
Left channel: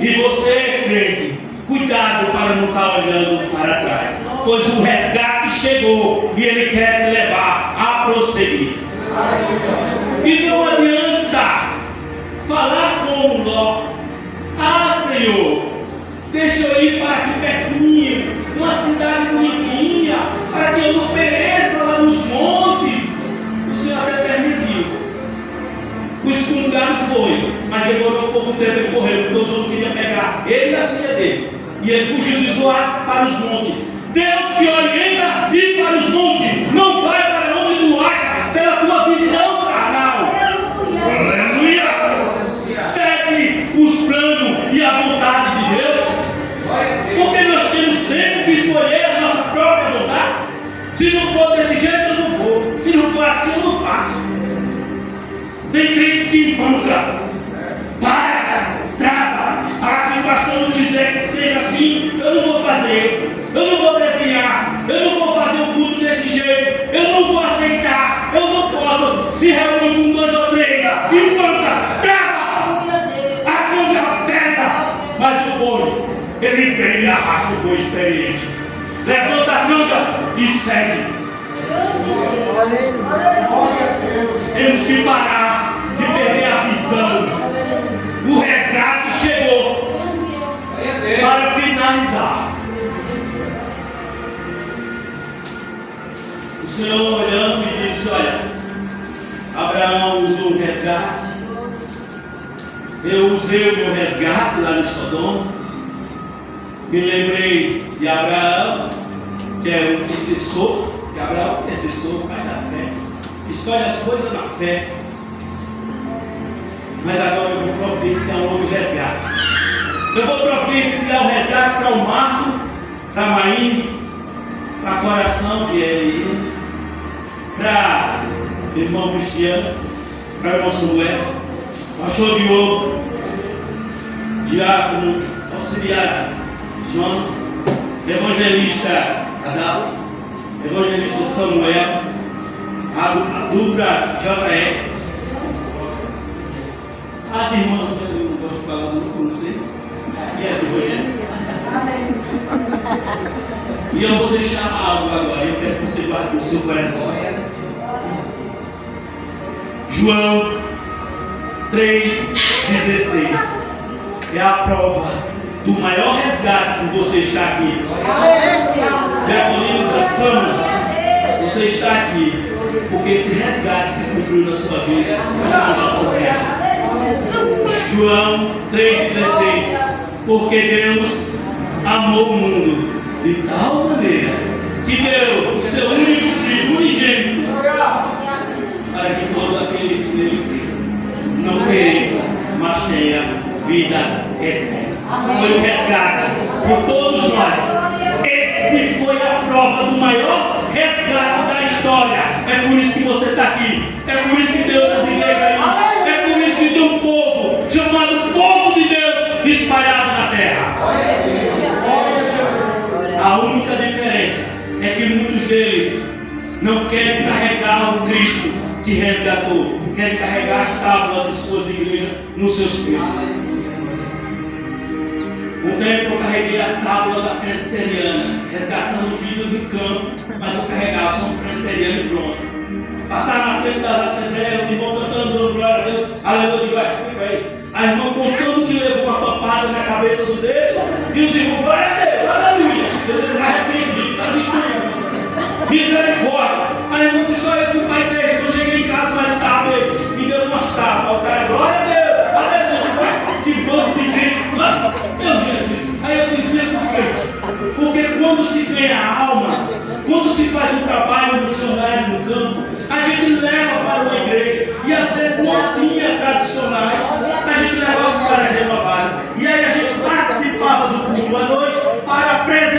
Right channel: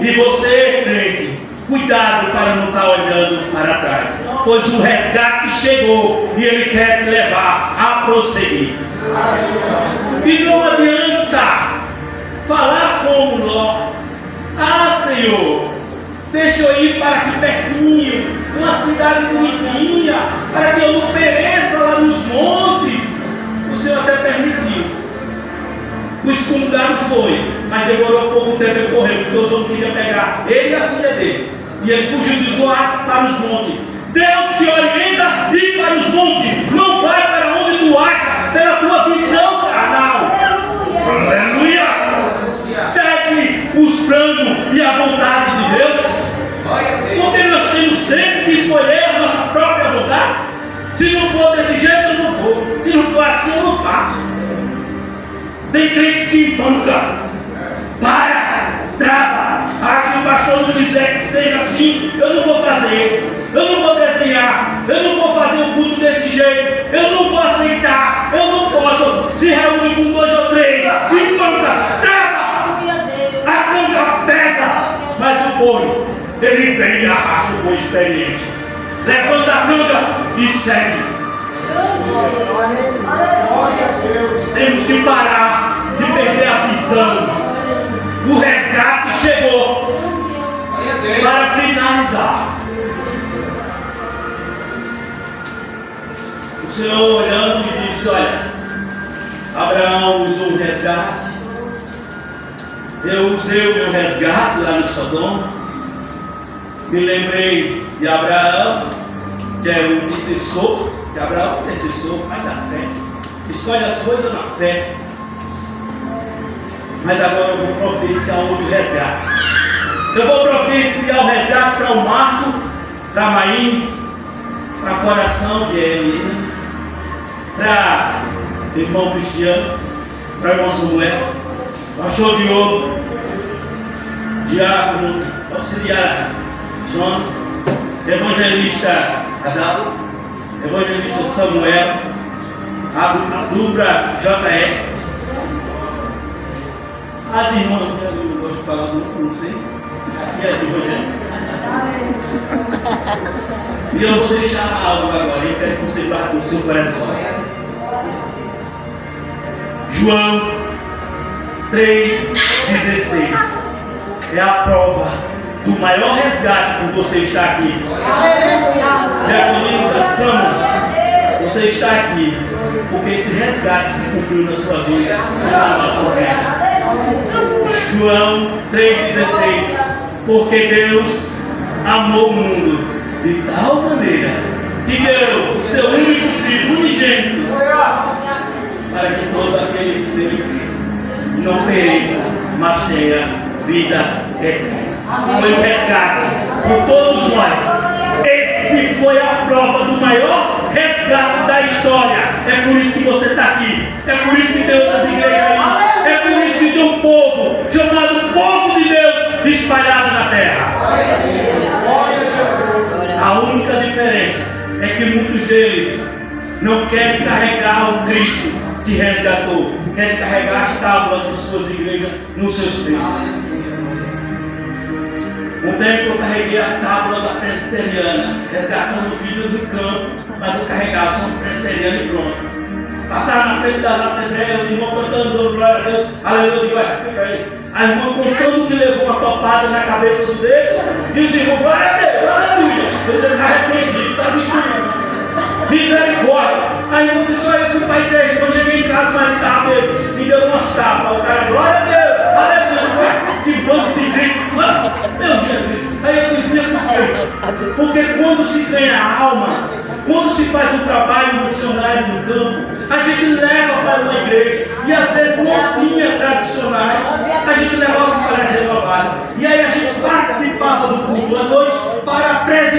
E você, crente, cuidado para não estar olhando para trás, pois o resgate chegou e ele quer te levar a prosseguir. E não adianta falar como Ló: ah, Senhor, deixa eu ir para aqui pertinho, uma cidade bonitinha, para que eu não pereça lá nos montes. O Senhor até permitiu. O excomungado foi, mas demorou pouco tempo, ele correu, porque os outros queriam pegar ele e a filha dele. E ele fugiu de Zoar para os montes. Deus te orienta ir para os montes, não vai para onde tu acha, pela tua visão carnal. Aleluia! Segue os planos e a vontade de Deus. Porque nós temos sempre que escolher a nossa própria vontade. Se não for desse jeito, eu não vou. Se não for Tem crente que embuga, para, trava. Ah, se o pastor não quiser que seja assim, eu não vou fazer, eu não vou desenhar, eu não vou fazer o culto desse jeito, eu não vou aceitar, eu não posso. Se reúne com 2 ou 3, embuga, trava. A canga pesa, mas o boi, ele vem e arrasta o boi experiente. Levanta a canga e segue. Temos que parar de perder a visão. O resgate chegou. Para finalizar, o Senhor olhando e disse: olha, Abraão usou o resgate, eu usei o meu resgate lá no Sodoma. Me lembrei de Abraão, que é o intercessor. Que Abraão é o intercessor, pai da fé, escolhe as coisas na fé. Mas agora eu vou providenciar um outro resgate. Eu vou providenciar o resgate para o Marco, para a Maíne, para o Coração, que é ele, para o irmão Cristiano, para o irmão Samuel, pastor Diogo, diácono, auxiliar João, evangelista Adão, evangelista Samuel, a dupla JR, as irmãs, eu não gosto de falar muito, não sei, e as irmãs. E eu vou deixar algo agora, eu quero que você guarde no seu coração. João 3,16 é a prova do maior resgate por você estar aqui. Diaconização, você está aqui porque esse resgate se cumpriu na sua vida, nas nossas vidas. João 3,16. Porque Deus amou o mundo de tal maneira que deu o seu único filho unigênito, para que todo aquele que nele crê não pereça, mas tenha vida eterna. Foi um resgate por todos nós. Esse foi a prova do maior resgate da história. É por isso que você está aqui. É por isso que tem outras igrejas aí. É por isso que tem um povo chamado Povo de Deus espalhado na terra. A única diferença é que muitos deles não querem carregar o Cristo que resgatou, querem carregar as tábuas de suas igrejas nos seus peitos. Um tempo eu carreguei a tábua da presbiteriana, resgatando vida do campo, mas eu carregava só um presbiteriano e pronto. Passaram na frente das assembleias, os irmãos cantando, dando glória a Deus, aleluia, eu digo, fica aí. A irmã contando que levou uma topada na cabeça do dedo, e os irmãos, glória a Deus, aleluia. Eu disse, está arrependido, está destruído. Misericórdia. A irmã disse, eu fui para a igreja, quando cheguei em casa, mas ele estava feio, me deu umas tapas. O cara, glória a Deus, aleluia, que banco de grito, meu Jesus. Aí eu dizia para os crentes, porque quando se ganha almas, quando se faz um trabalho missionário no campo, a gente leva para uma igreja, e às vezes não tinha tradicionais, a gente levava para a renovada, e aí a gente participava do culto à noite para apresentar